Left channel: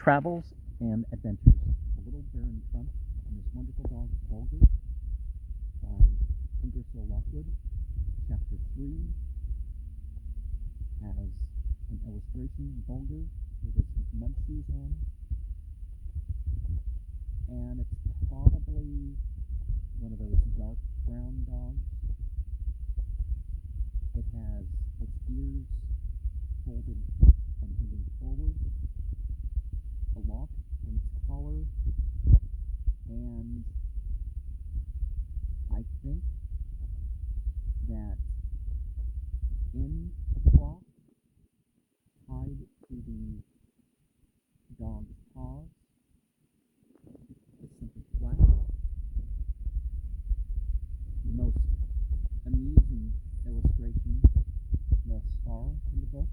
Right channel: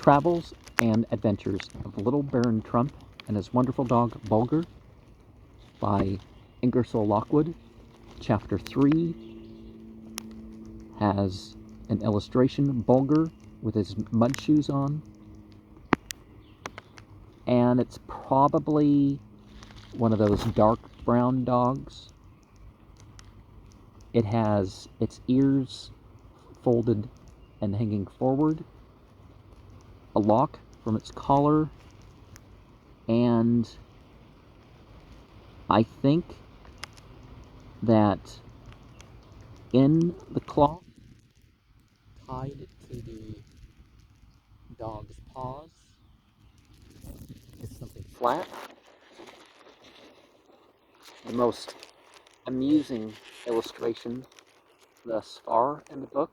Travels and Adventures of Little Baron Trump and His Wonderful Dog Bulgar by Ingersoll Lockwood. Chapter 3 has an illustration, Bulgar with his mud shoes on, and it's probably one of those dark brown dogs. It has its ears folded and hanging forward, a lock from its collar, and I think that in the cloth, tied to the dog's paws, is something flat. The most amusing illustration thus far in the book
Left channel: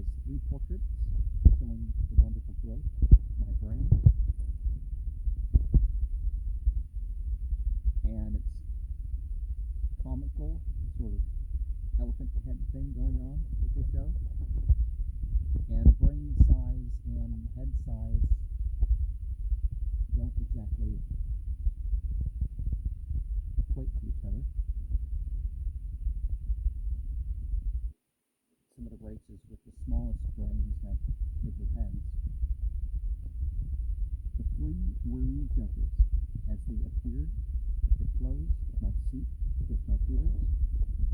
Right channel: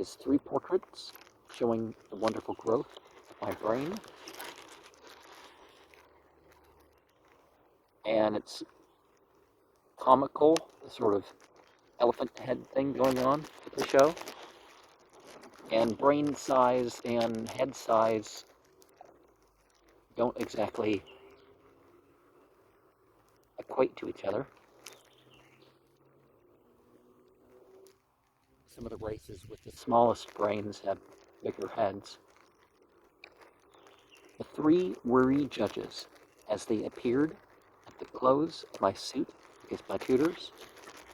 is 3 portraits showing the wonderful growth of my brain. And it's comical, the sort of elephant head thing going on with the show. And brain size and head size don't exactly equate to each other. Some of the races with the smallest brains have bigger heads. The 3 worry judges, as they appeared at the close of my suit against my tutors,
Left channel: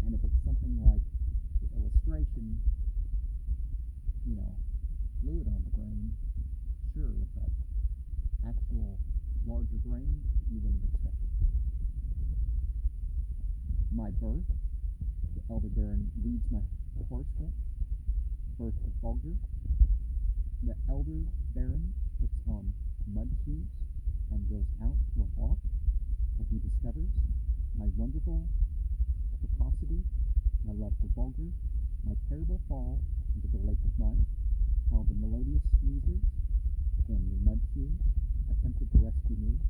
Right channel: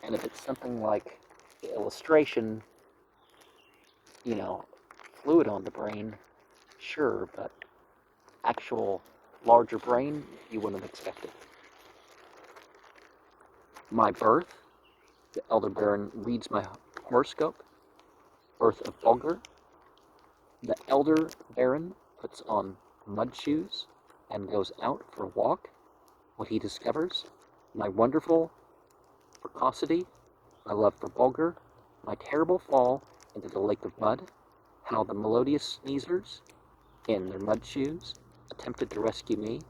and if it's something like the illustration, fluid on the brain, sure, but actual larger brain, you wouldn't have expected. My birth, the Elder Baron reads my horoscope. Birth of Bulgar, the Elder Baron puts on mud shoes and goes out for a walk. What he discovers, my wonderful precocity, my love for Bulgar, my terrible fall into the lake of mud, how the melodious sneezers in their mud shoes attempted to rescue me,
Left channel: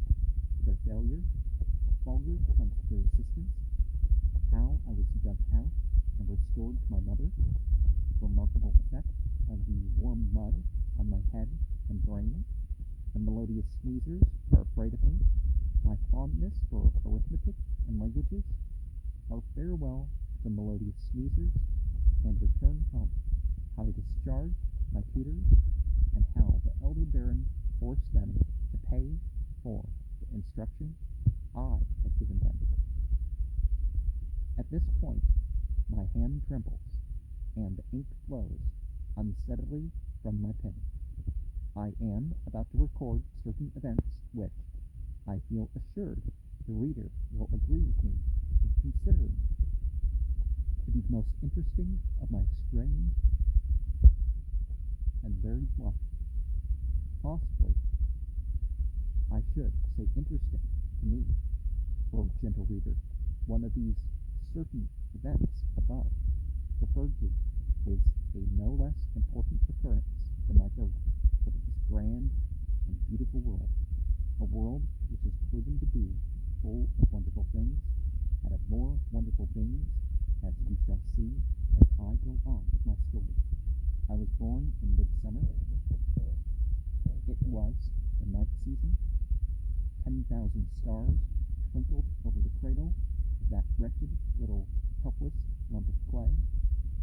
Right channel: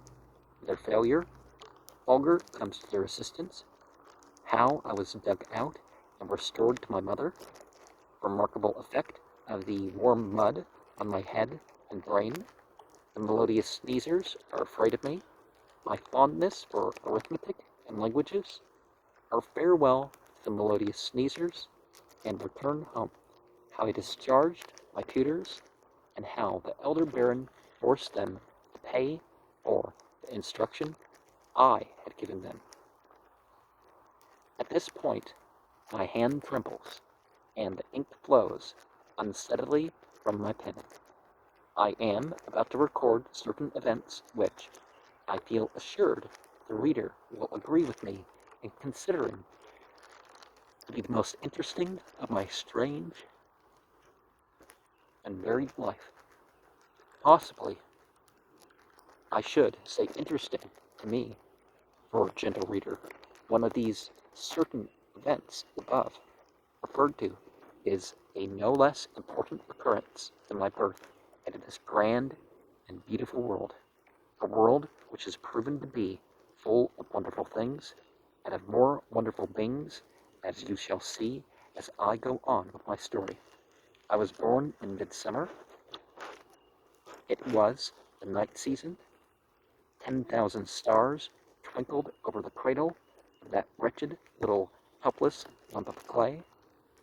their failure. Bulgar comes to their assistance, how I was dug out and restored to my mother, remarkable effect of the warm mud on my head and brain. The melodious sneezers are afraid of me, my fondness for arithmetic and languages, our farewell to the melodious sneezers, and return home, how I discharged my tutors, and how the Elder Baron forced them to pay for the instruction I had given them. At this point, my hand trembles, and the ink flows unsteadily from my pen. I am about to record certain events which, I feel assured, the reader will agree with me in considering to be the most interesting of my strange and varied life. Possibly, I should say interesting to me, for gentle reader, one of these certain events above referred to is a no less important occurrence than my birth into this grand and beautiful world, a world which is proven to be full of wonderful things, and of more wonderful things as you shall see as I go on with my story. I was born in midsummer. It was the night season. 10,000 stars twinkled over the cradle of that wretched little helpless lump of clay,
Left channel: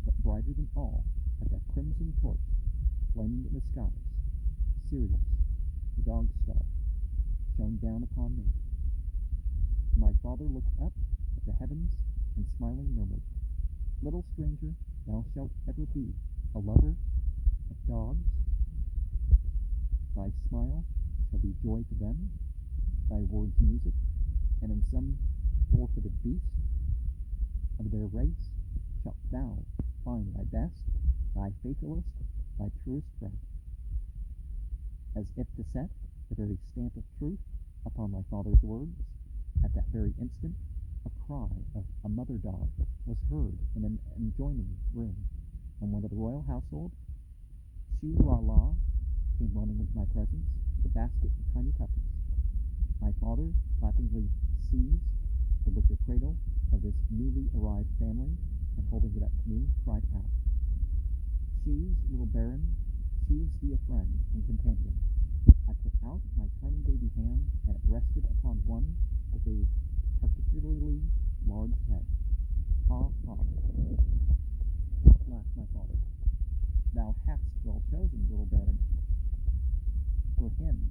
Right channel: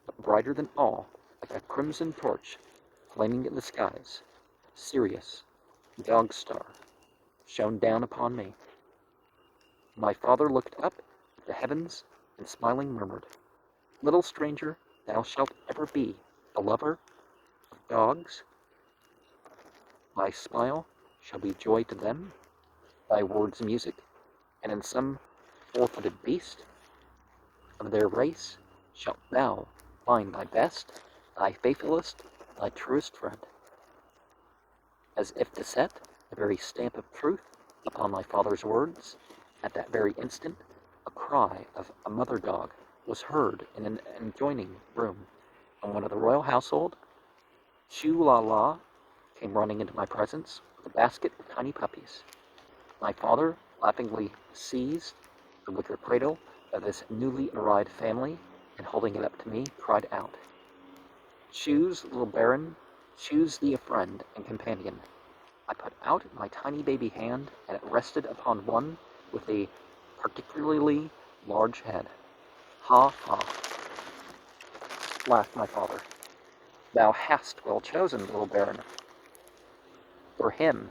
but brighter than all, like a crimson torch flaming in the skies, Sirius, the dog star, shone down upon me. My father looked up at the heavens and smiling murmured, "Little stranger, thou shalt ever be a lover of dogs. Thy smile shall be joy to them, thy words music, and in some four-footed beast of their race shalt thou find thy best, thy faithfulest, thy truest friend." As if to set the very stamp of truth upon my father's words, at that very instant a cry of a mother dog was heard in an adjoining room, and one of the royal household, Choo-la-la, came running into my presence with a basket of tiny puppies. My father laughingly seized the wicker cradle of this newly arrived family, and holding it up to me, cried out, "Choose, little Baron, choose thee a friend and companion. I put out my tiny baby hand, and it rested upon one with a particularly large head. Ha ha, laughed my father. Thou hast well chosen, little baron. For him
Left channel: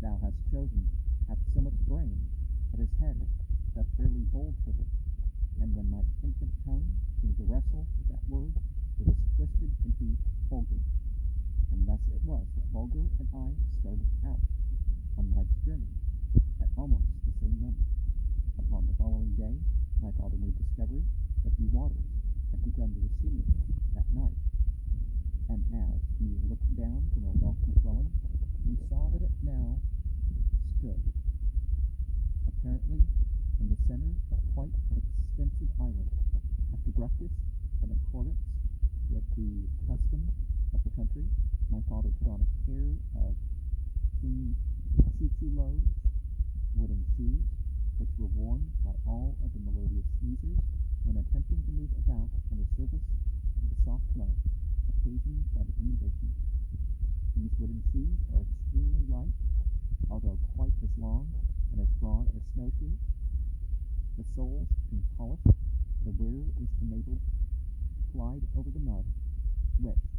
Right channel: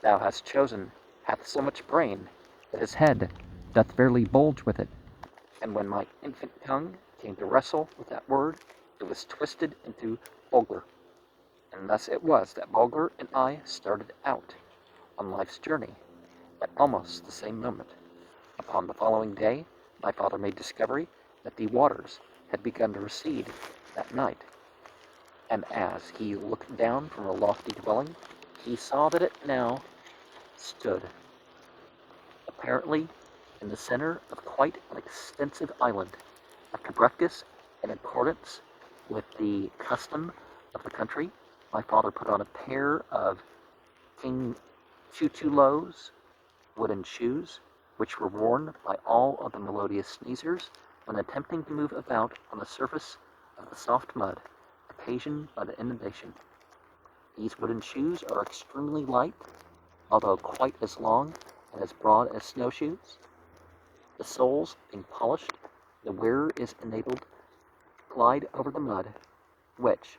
thou hast chosen hath so much brain that his head doth fairly bulge with it. And when my infant tongue came to wrestle with that word, it was twisted into Bulgar. And thus it was that Bulgar and I started out on life's journey at almost the same moment. Upon the following day, my father made discovery that the waters had begun to recede that night, and as he looked down from a lofty dwelling, he saw that it now stood, apparently in the center of quite an extensive island. After breakfast, in accordance with the custom of the country, my father put on a pair of King Chuchulo's wooden shoes, which were worn by all of the melodious sneezers when attempting to move about on the surface of the soft mud occasioned by the inundation. These wooden shoes are extremely light, although quite as long and as broad as snowshoes. The soles being polished, the wearer is enabled to glide over the mud, which,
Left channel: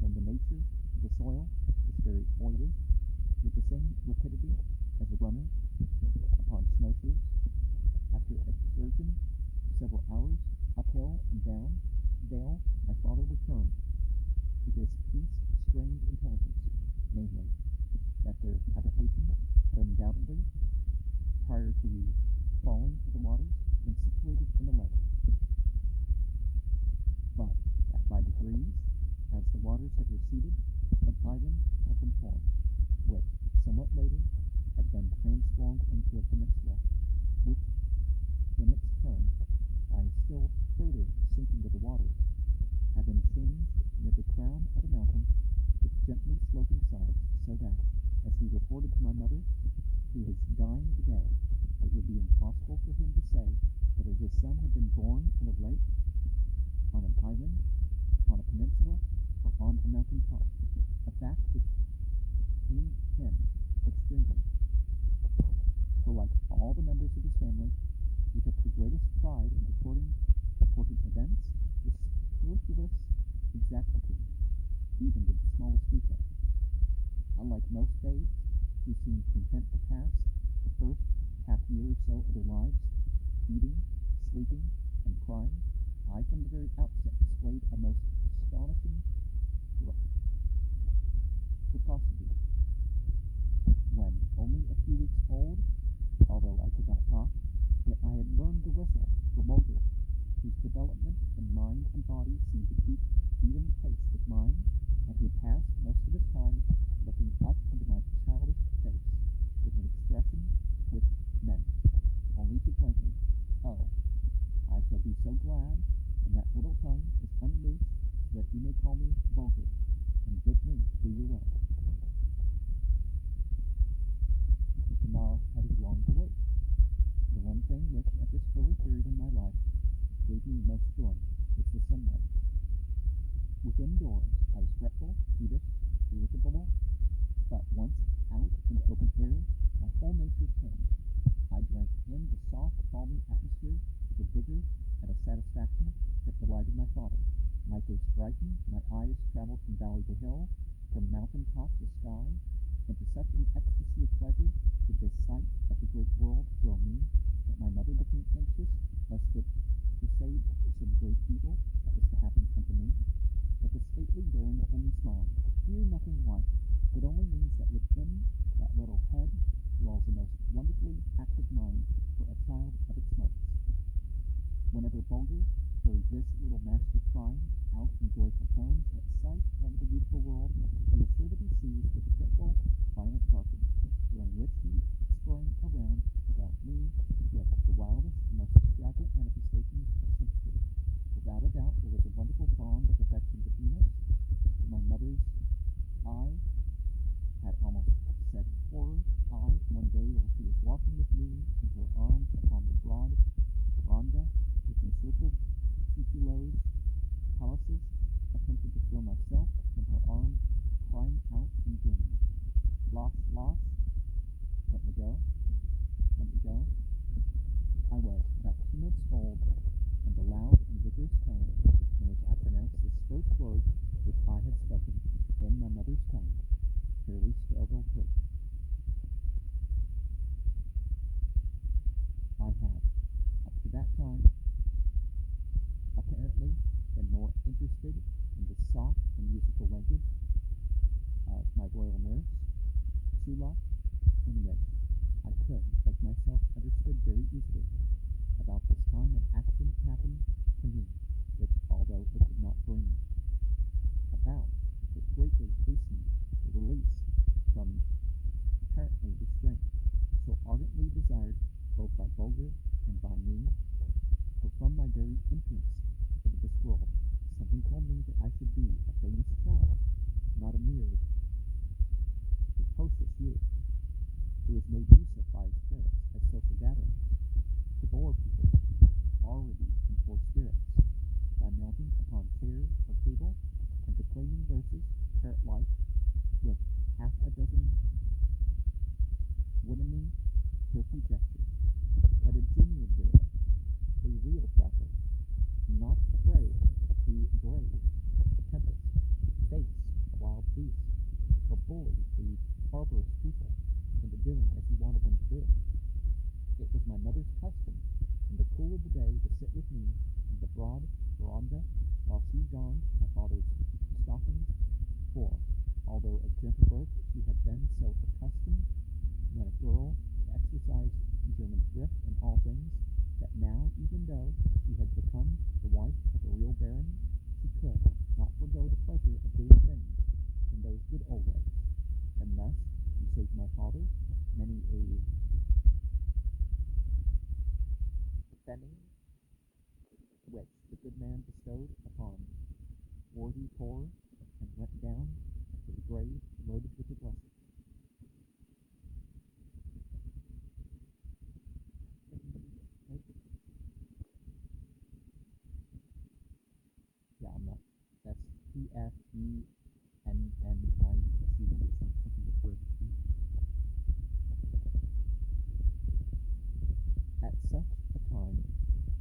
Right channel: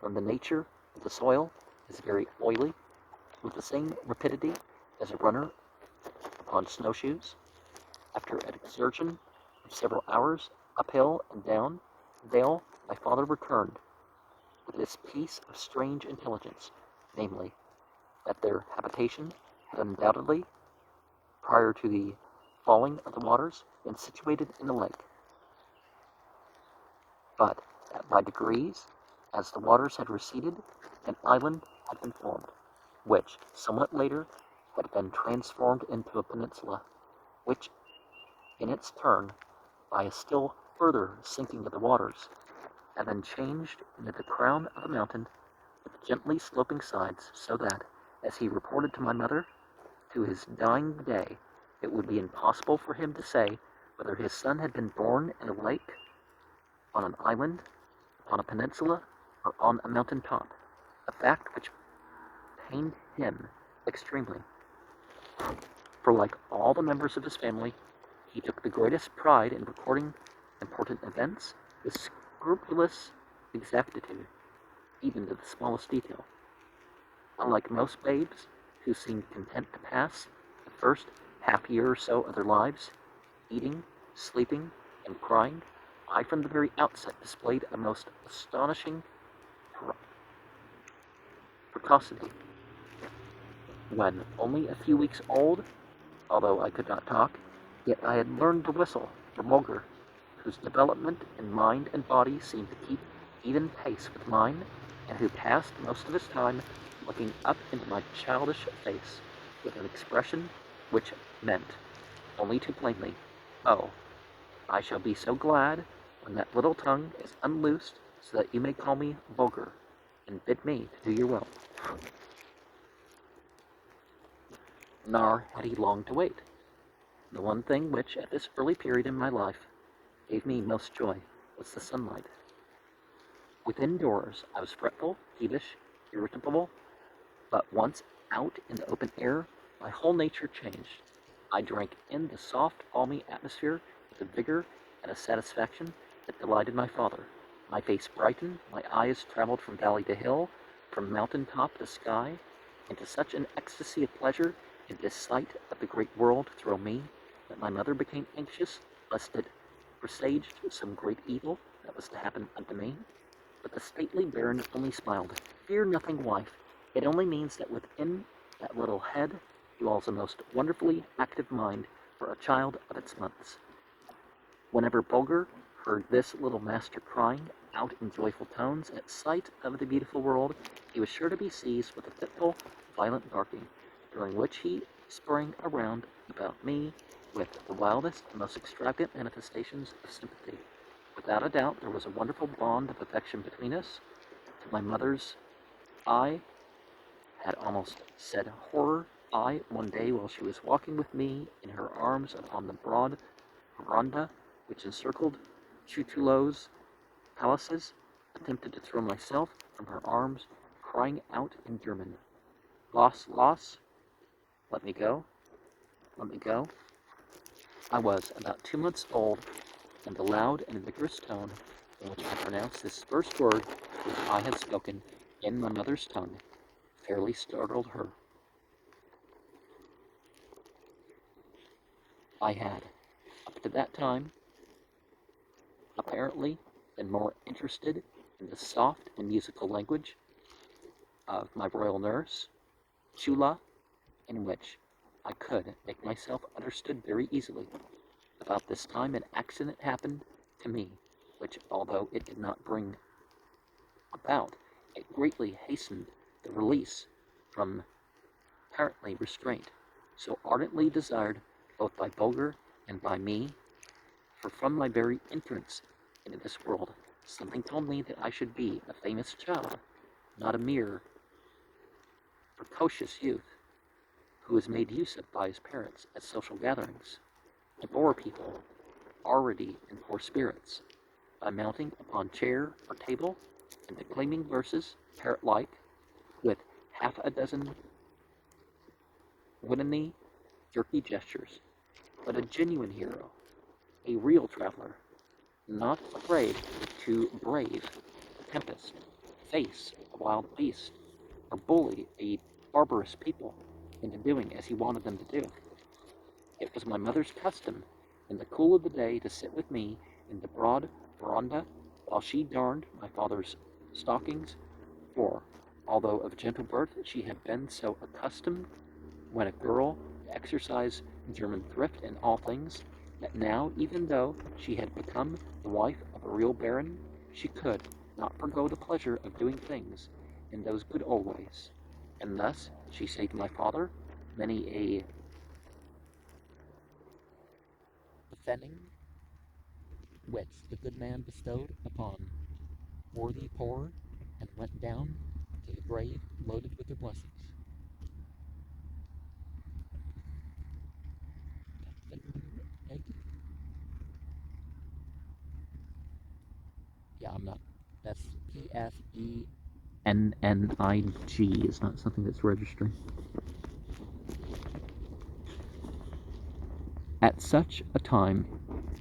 from the nature of the soil, is very oily, with the same rapidity as a runner upon snowshoes. After an excursion of several hours uphill and down the vale, my father returned with this piece of strange intelligence, namely, that their habitation had undoubtedly, prior to the falling of the waters, been situated in the lake, but that by degrees, as the waters had receded, an island had been formed, which, somewhat later, had been transformed into a peninsula, which, in its turn, by a still further sinking of the waters, had been changed into the crown of a mountain with gently sloping sides, so that, as he reported to my mother, to his dying day, it would be impossible for him to say whether his son had been born in a lake, on an island, on a peninsula, or on a mountain top, a fact which pained him extremely. For like all the members of his family, he took the greatest pride in recording important events with scrupulous exactitude, even to the smallest detail. Unlike most babes, who seemed content to pass the first half year or so of their lives, eating, sleeping, and crying, I from the very outset displayed a most astonishing precocity. When only a few weeks old, although I could not talk, yet I had learned to whistle for Bulgar, whose development in mind and body seemed to keep even pace with mine, and who passed most of his time looking up into my childish face with an expression which meant, only too plainly, "Oh, I shall be so glad when that little tongue is unloosed, so that you may call me Bulgar, and bid me to do your will." Nor had he long to wait. The one thing which, at this early period in my life, gave me most joy was the sunlight. Within doors, I was fretful, peevish, irritable, but once out in the open air, my whole nature changed. I drank in the soft, balmy atmosphere with a vigor and a satisfaction that delighted my father. My face brightened, my eyes traveled from valley to hill, from mountain top to sky, into such an ecstasy of pleasure in this sight of the great world through me, that my mother became anxious lest it presaged some great evil that was to happen unto me. But the stately baron only smiled. "Fear nothing, wife. It only means that within that little head dwells a most wonderfully active mind for a child of its months." Whenever Bulgar heard this little master crying out in joyful tones at sight of the beautiful world, he was sure to be seized with a fitful, violent barking, during which he sprang around about me with the wildest and most extravagant manifestations of sympathy. Without a doubt, there was a wonderful bond of affection between us. To my mother's I had almost said horror, I, one day while she was walking with me in her arms upon the broad veranda which encircled Chuchulo's palaces, attempted to throw myself from her arms, crying out in German, "Los, los, let me go, let me go." I was about 2 months old, and the loud and vigorous tone in which I pronounced this first word which I had spoken in my mother's tongue fairly startled her. I had, up to that time, apparently been more interested in the soft and musical language of my royal nurse, Chula, in which I could make myself understood very easily. About this time an accident happened to me, which, although it did not bring about, it greatly hastened the release from apparently restraint, so ardently desired both by Bulgar and by me, for from my very entrance into this world, something told me that I should be a famous child, not a mere precocious youth, who was made use of by his parents at social gatherings, to bore people already in poor spirits, by mounting upon chair or table and declaiming verses, parrot-like, with half a dozen woodenly jerky gestures, but a genuine hero, a real traveler, not afraid to brave a tempest, face a wild beast, or bully a barbarous people into doing as he wanted them to do. It was my mother's custom, in the cool of the day, to sit with me in the broad veranda while she darned my father's stockings, for, although of gentle birth, she had been so accustomed when a girl to exercise German thrift in all things, that now, even though she had become the wife of a real baron, she could not forego the pleasure of doing things in those good old ways, and thus she saved my father many a offending which the good man bestowed upon worthy poor, and went down to the grave loaded with their blessings. Egg? Yeah, I'm not. That's PFENNIG. It's not something that's registering. At such a time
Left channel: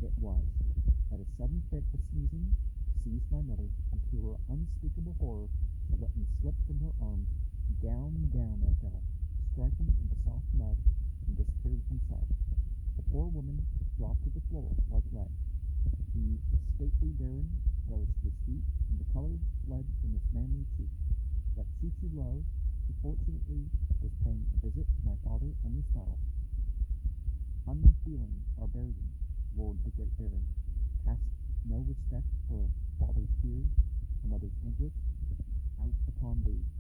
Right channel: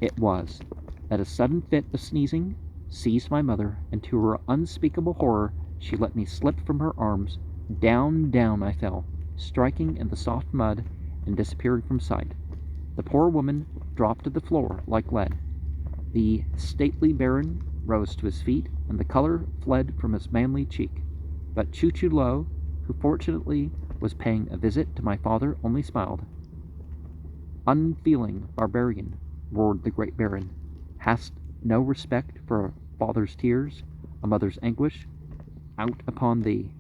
it was that a sudden fit of sneezing seized my mother, and to her unspeakable horror she let me slip from her arms. Down, down I fell, striking in the soft mud and disappearing from sight. The poor woman dropped to the floor like lead. The stately baron rose to his feet, and the color fled from his manly cheek. But Choo-Choo-Lo, who fortunately was paying a visit to my father, only smiled. "Unfeeling barbarian," roared the great baron, "hast no respect for a father's tears, a mother's anguish? Out upon thee!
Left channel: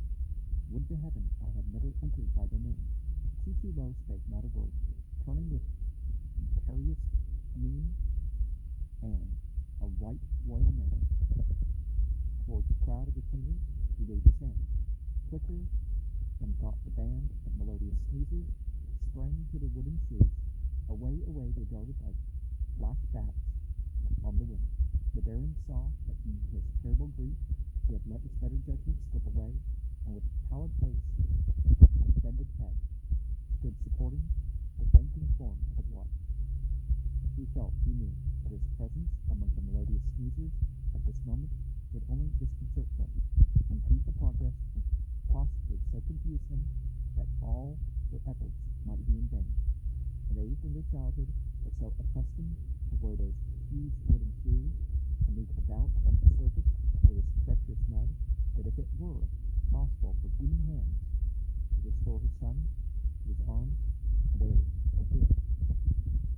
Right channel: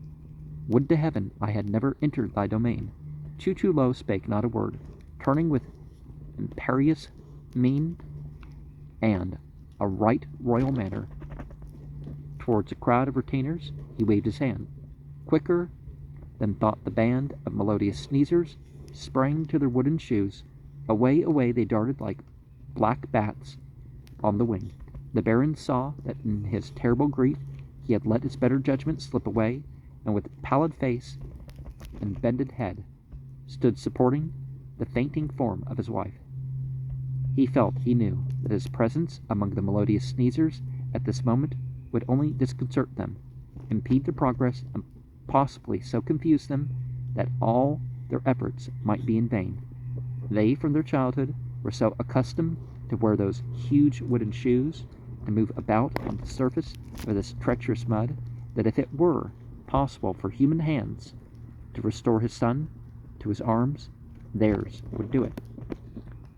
Would to heaven I had never entered thy domain." Choo-Choo-Lo spake not a word. Turning with imperious mien and a right royal manner towards a crowd of retainers, he waved his hand. Quicker than thought the band of melodious sneezers sprang to their wooden shoes. Away, away they darted like black bats on the wing. The baron saw that in his terrible grief he had let his better judgment slip away, and with pallid face and bended head stood supporting the fainting form of his wife. He felt, he knew, that his presence among the melodious sneezers at this moment would only disconcert them, impede their progress, and possibly so confuse them that all their efforts might be in vain. They, from their childhood, were so accustomed to wear those huge wooden shoes, to move about on the surface of this treacherous mud, that if it were possible for human hands to restore his son to his arms, theirs would do it.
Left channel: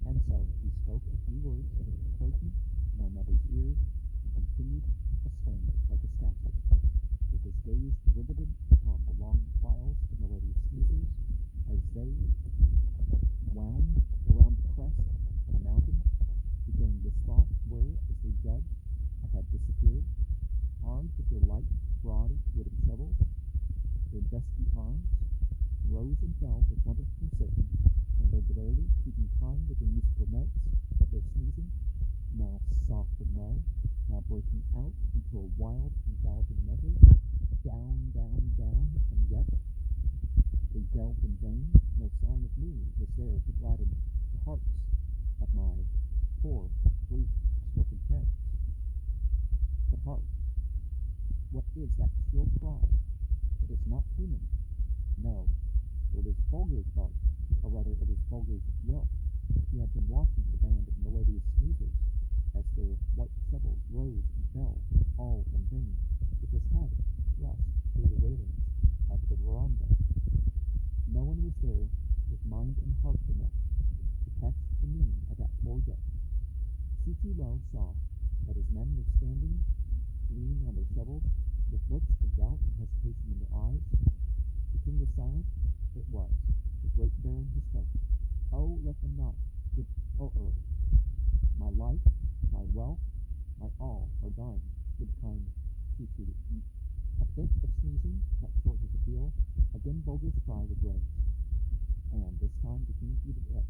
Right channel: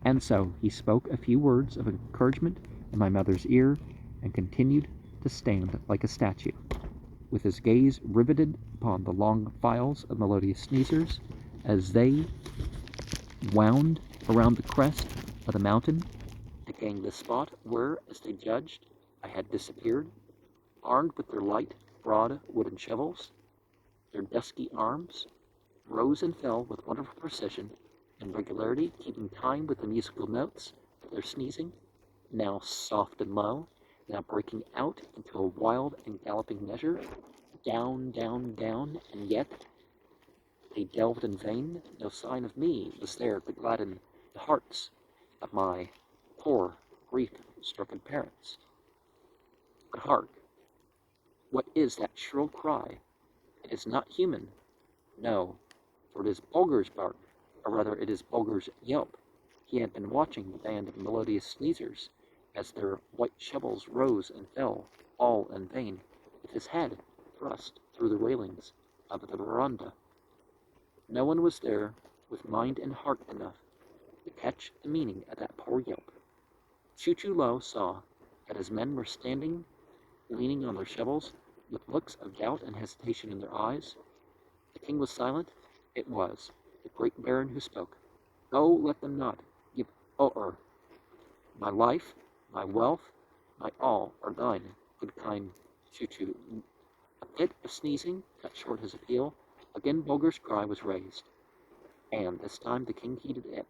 And so he spoke a few words of encouragement in my mother's ear, and continued to stand like a statue, with his gaze riveted upon the long files of melodious sneezers as they wound around the crest of the mountain to gain the spot where, as they judged, I had disappeared. Armed with their light, broad wooden shovels, their dusky arms rose and fell with wonderful precision and regularity, keeping time with the musical notes of their sneezing, now soft and low, now breaking out into a wild and galloping measure, down, down, down, and yet they delved in vain. No sign of me was there to gladden the hearts of my poor, grief-stricken parents. But hark! What is that shrill cry? It is not human. No, for it is Bulgar's bark, or rather it is Bulgar's yelp. He had been watching the band of melodious sneezers as their white shovels rose and fell, all in vain, with his head thrust through the railings of the veranda. No one was there with mind and heart enough to catch the meaning of that poor yelp. Choo-Choo-Lo saw that his men were standing, leaning on their shovels, with looks of doubt and hesitation in their eyes. The king was silent. It was the great baron who spoke. Oh, let them not give o'er. My life, my wealth, my all are thine, good kind Choo-Choo. A fit of sneezing cut short his appeal. Again Bulgar's cry was raised, and this time the king heeded it.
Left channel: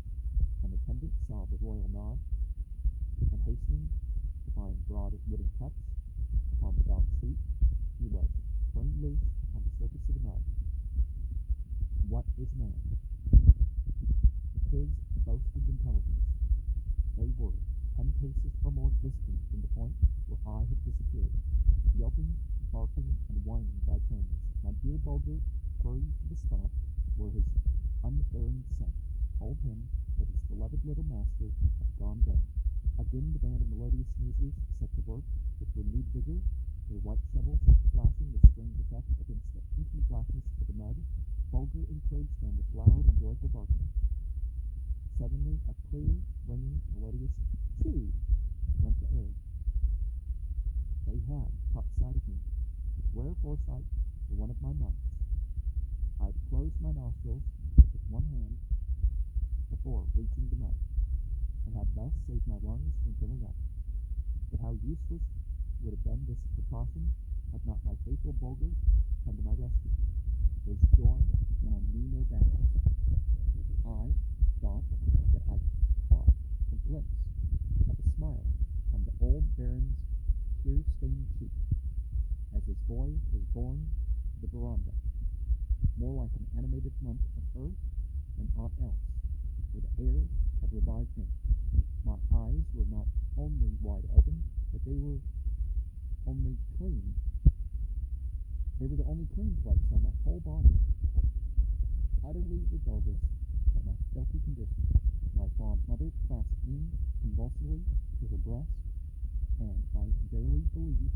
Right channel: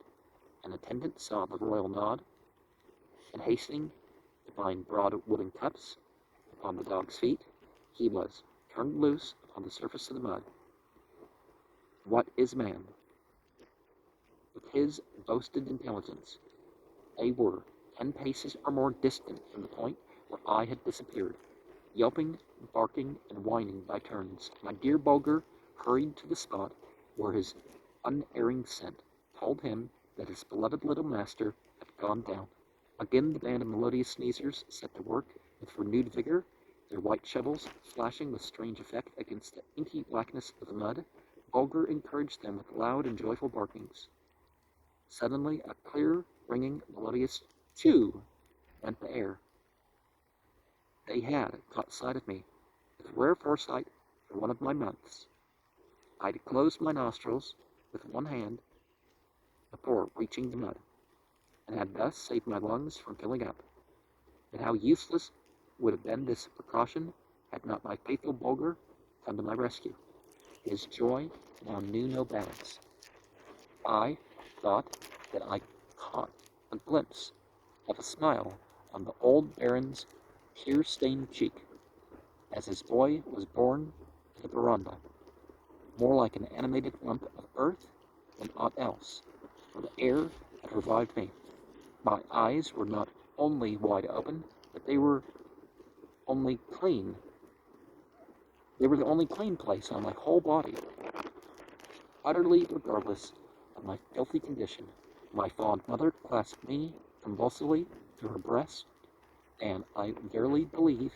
An attendant saw the royal nod, and hastening to find broad wooden cups upon the dog's feet, he was turned loose upon the surface of the mud. What is man? With his boasted intelligence, they were 10 paces or more distant from the point where I had disappeared, yelping, barking, and whining by turns. My dear Bulgar hurried to the spot where his unerring scent told him that his beloved little master had gone down. Again the band of melodious sneezers set to work with renewed vigor, their white shovels flashing with strange effect against the inky blackness of the mud. Bulgar encouraged them with loud and joyful barkings. Suddenly a clear, ringing, melodious chew rent the air. They had caught sight of me, with rare foresight for one of my months. I had closed my nostrils with one hand before reaching the mud, and had thus saved my lungs from filling up. But how useless would have been this precaution had not my faithful Bulgar come to my rescue. His joy now knew no bounds. I thought that I caught a glimpse of a smile on the old baron's tear-stained cheek as his boy was borne to the veranda, more like an animated lump of earth than aught else, for the air had revived me. My eyes were not only wide open, but they were only clean. They were the only clean place on my whole body. Utterly regardless of my filthy condition, my fond mother clasped me convulsively to her breast, and I verily believe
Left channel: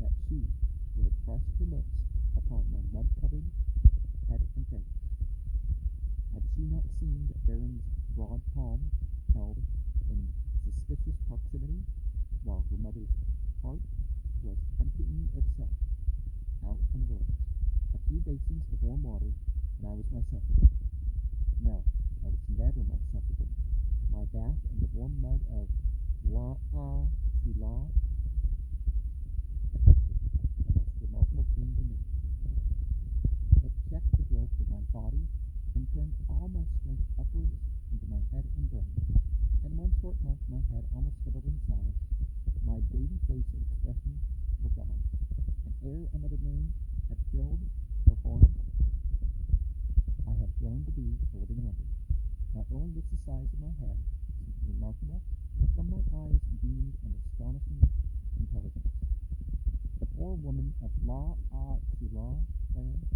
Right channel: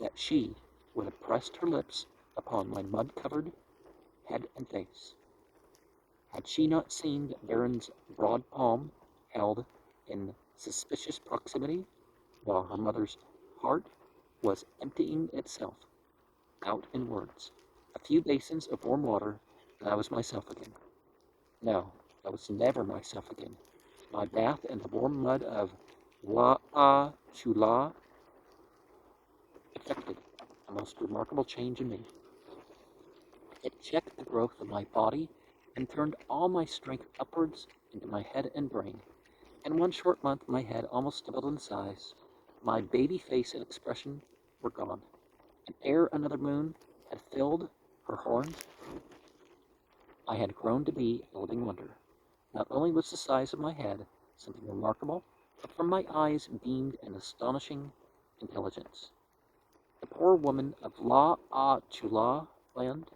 that she would have pressed her lips upon my mud-covered head and face, had she not seen the baron's broad palm held in suspicious proximity, while her mother's heart was emptying itself out in words. A few basins of warm water, and I was myself again. No, I was never myself again. My bath in the warm mud of Chula effected a most remarkable change in me. It checked the growth of my body and turned all my strength upwards into my head and brain. In one short month my head almost doubled in size. My baby face and expression were gone, and ere another moon had filled her horn, I had grown to be a living wonder. Not only was the size of my head something remarkable, but from my eyes beamed an astonishing intelligence. The poor woman of Chula land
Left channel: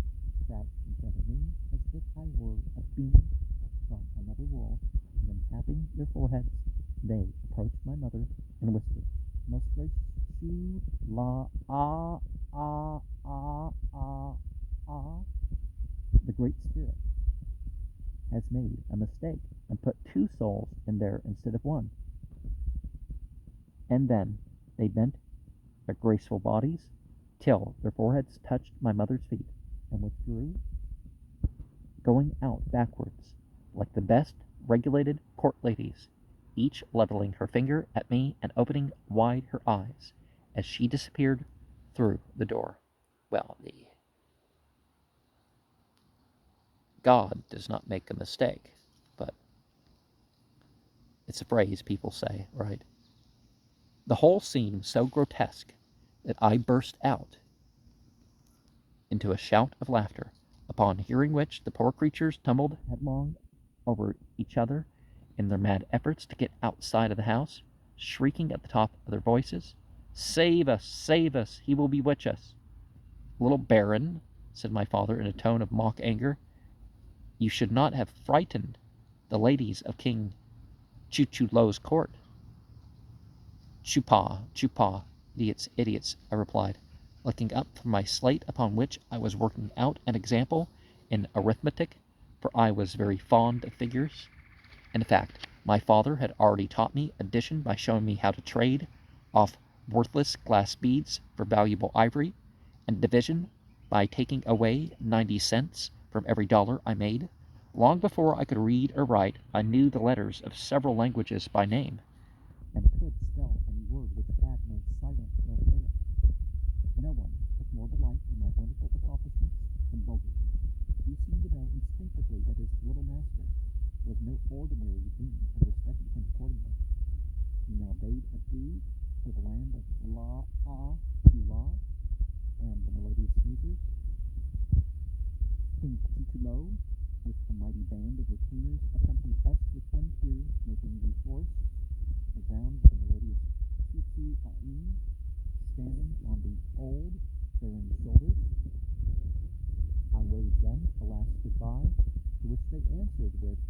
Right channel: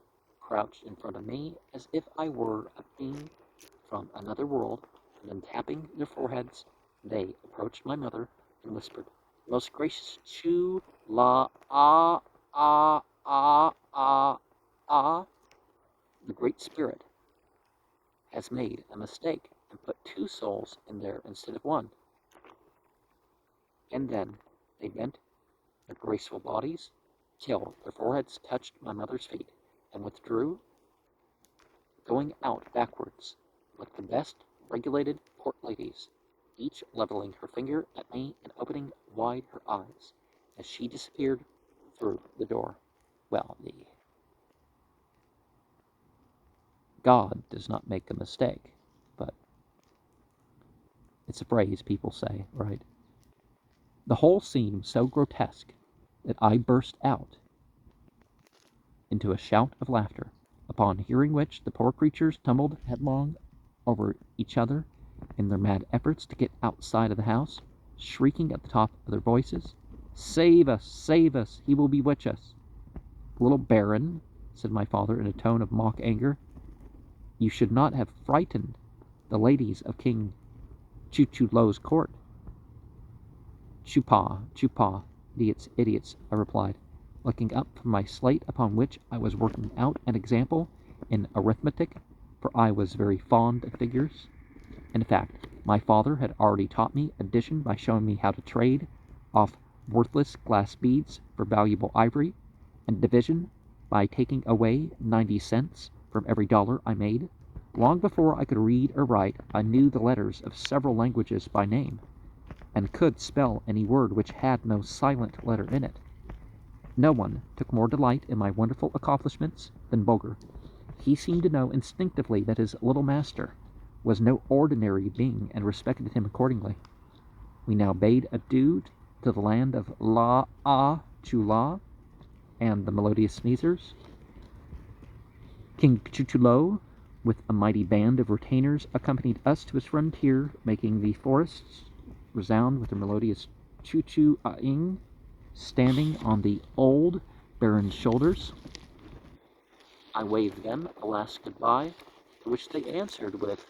crouched in front of me as if I were a being from another world, and then tapping their foreheads, they approached my mother and whispered, "Most gracious Chula, the Great Spirit has made a mistake and put 2 souls in there instead of 1. And then they bent their graceful bodies till their foreheads touched my mother's feet, and withdrew, going out backwards like the best regulated court ladies, each leveling her finger at me and opening wide her eyes as she disappeared through the door. Well, the God does not make a mistake, but it's a phrase people say, right? The whole scene was so grotesque that I burst out into a shout of laughter, upon hearing which the poor creatures tumbled headlong over each other in their mad efforts to get outside of the house, shrieking at the top of their voices, "Save us! Save us! He will bewitch us!" "Little Baron," said my father in a tone of mock anger, "you should not have frightened the ladies of King Chuchulo's court." "Chupa, chupa, idiots, idiots," I replied, looking up from my slate upon which I was working out an example in arithmetic, for I was very fond of figures. In fact, my father had already taught me addition by showing me how to trade off worthless glass beads for valuable ivory, and division by taking away 90 cents from every dollar I made. Long before I could read or write, I knew the letters of several languages by name, and could spell any word which had no silent letter in it. No one took more delight in my wonderful accomplishments than Bulgar. He seemed to know instinctively that his little master was no ordinary being, and respected him accordingly. We now bade adieu to the land of La A Chula and the melodious sneezers. King Chuchulo, with a mighty band of retainers, accompanied us to his frontier, making the forests resound with their melodious choo-choo-ah-ing, standing on the old baron's shoulders. I waved them a last goodbye, to which they answered with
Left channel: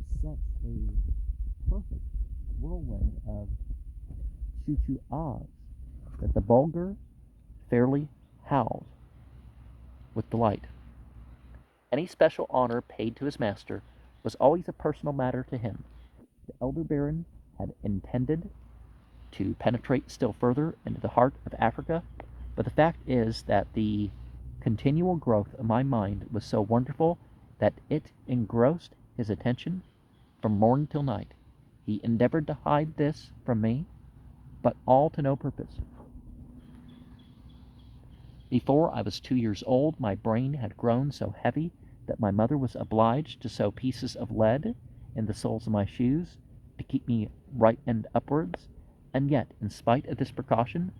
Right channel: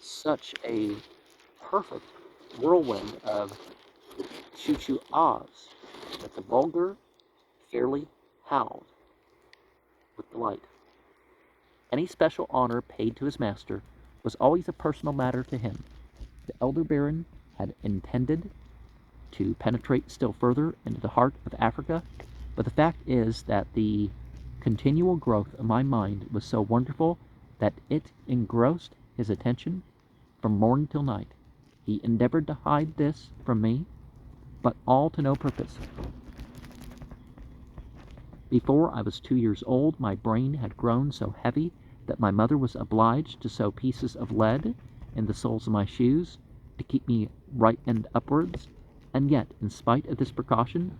such a perfect whirlwind of choo-choo-ahs that the Bulgar fairly howled with delight. Any special honor paid to his master was always a personal matter to him. The elder baron had intended to penetrate still further into the heart of Africa, but the fact is that the continual growth of my mind was so wonderful that it engrossed his attention from morn till night. He endeavored to hide this from me, but all to no purpose. Before I was 2 years old, my brain had grown so heavy that my mother was obliged to sew pieces of lead in the soles of my shoes to keep me right end upwards, and yet, in spite of this precaution,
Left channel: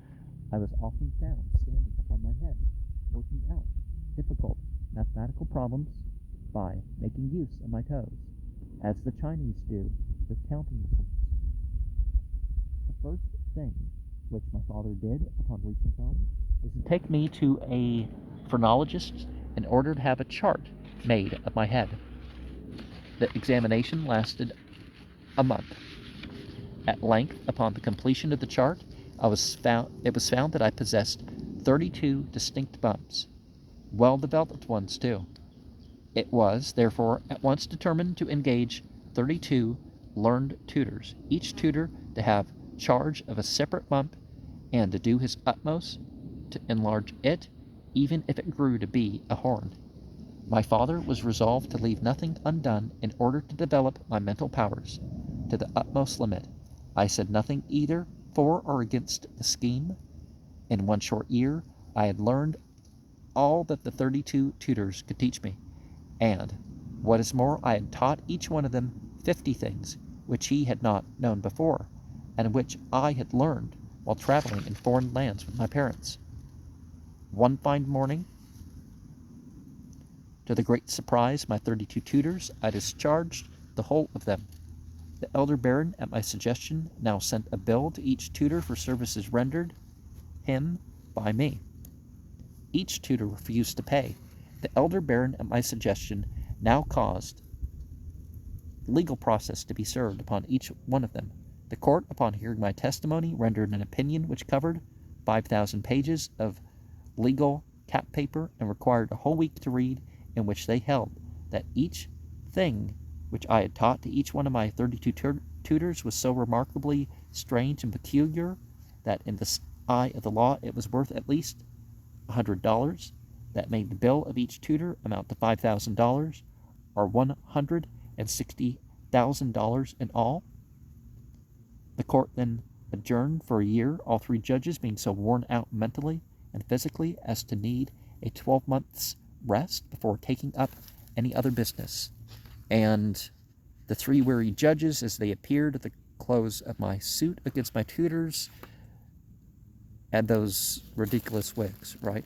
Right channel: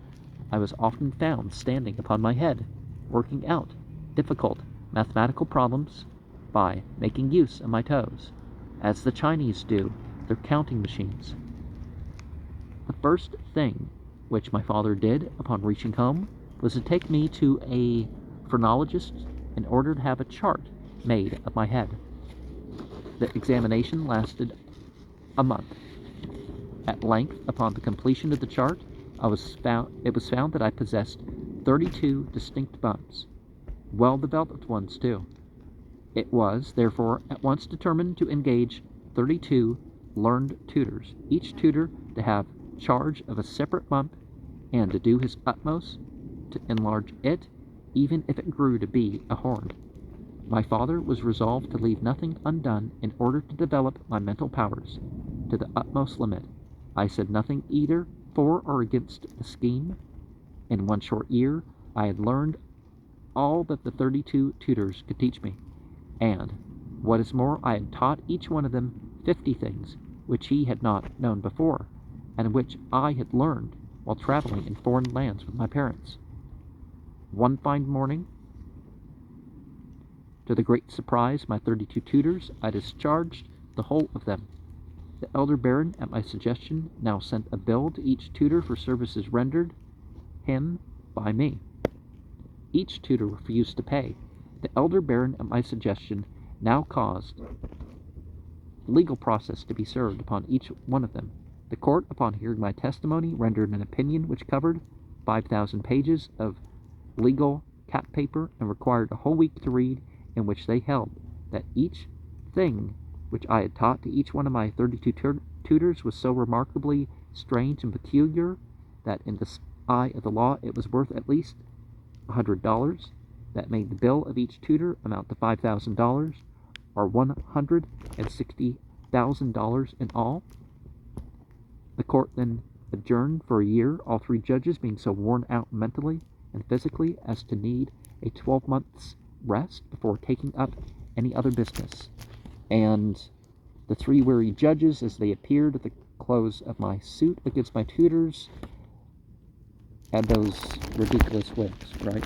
I was often found standing upon my head, working out difficult mathematical problems by making use of my toes, as the Chinese do their counting machines. The first thing which my father did upon reaching home was to take me to a phrenologist in order to have a chart made of my head. The examination lasted a month. At length, upon the completion of the chart, it was found that I possessed 32 distinct bumps, well-developed ones too. It was, therefore, at once determined to engage 32 learned tutors, each tutor to have charge of a separate bump, and to do his utmost to enlarge it, even if it grew to be a horn. My father was resolved to leave nothing undone in order to develop my mental powers to the utmost limit. I said nothing either for or against the scheme. In 1 short year, I had learned all that the 32 tutors could teach me, and, what is more, I had taught each one of them 50 things which he had not known before, and which I had learned while traveling in foreign lands with my parents. One fine morning, to the great surprise of my 32 tutors, I discharged the whole of them. The elder baron, at my suggestion, now sent a bill to each tutor for services rendered him by me. Each tutor refused to pay. The elder baron, at my suggestion, now caused legal process to be served upon each one of them. The court, upon hearing my testimony, rendered an opinion which covered 5,000 pages of legal cap paper and required a whole week to read, in which they held that each thing which I had taught to each one of my 32 tutors was so remarkably strange and peculiar that in the eye of the law it was worth at least $100. That made the bill of each tutor amount to $5,000, or $160,000 in all. The court then adjourned for a year, all 3 judges being so worn out mentally and physically as to need a 12 months rest before taking up any other business. And the 3 weary judges, as they appeared at the close of my suit against my tutors, had those ridiculous wigs, right?